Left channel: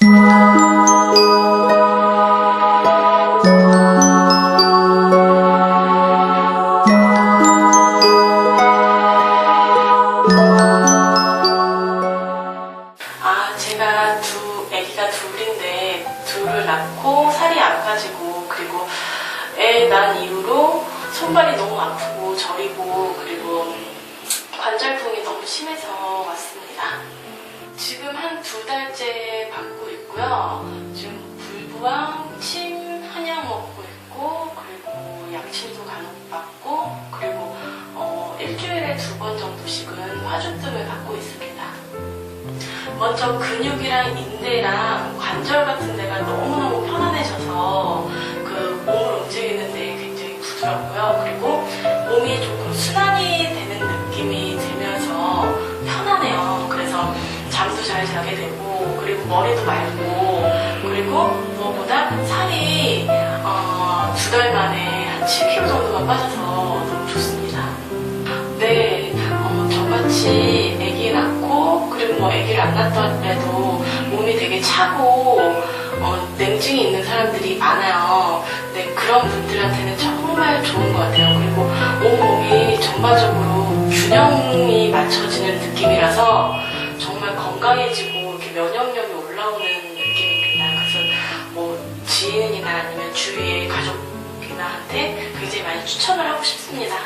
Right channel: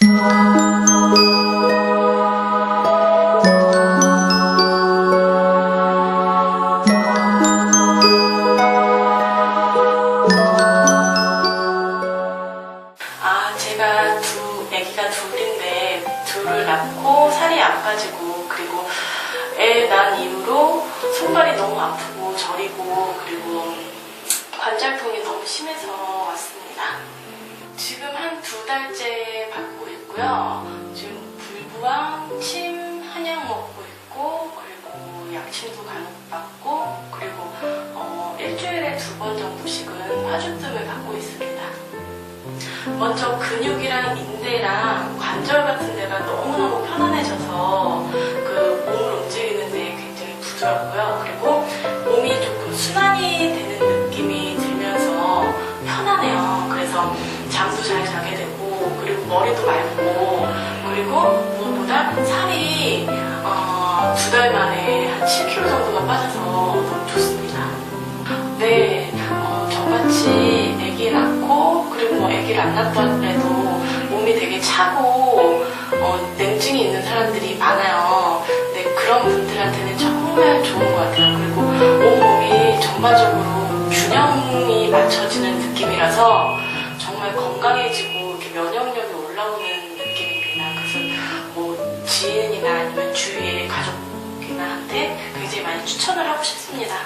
아, 제가 두, 아기가 둘인데, 둘을 낳고 살이 안 빠지고, 그리고 애 낳은 이후로 손발이 너무 아프고, 저리고, 그리고 관절통이 너무 심해서 왔습니다. 두 달째 받고 있고요. 지금 불부항, 침, 한약 먹고 있고, 그리고 약침도 간혹 받고, 그리고 어, 일주일에 두 번 정도씩은 화주뜸을 받고 있습니다. 먼저 근육이랑 인대랑 관절 같은 데가 너무너무 편안해져서 그 몸을 움직이는데 굉장히 부드럽고요. 잘 자게 되고 그리고 머리도 맑고 그리고 무엇보다 살이 어, 두 달 만에 한 7kg 정도가 빠져서 너무 좋습니다. 네, 어, 저같이 아기 낳고 그리고 뭐 아기를 안 낳더라도 몸이 되게 차고 어, 냉증이 있는 사람들이 많아요. 네, 그런 분들한테는 정말 좋은 것 같아요. 그리고 온몸이 전반적으로 균형이 맞춰지는 느낌이라서 강해지고 이렇게 면역력이 올라오는 느낌이구나. 그래서 뭐 지인이나 아니면 주위의 가족이나한테 굉장히 많이 추천을 하고 싶습니다.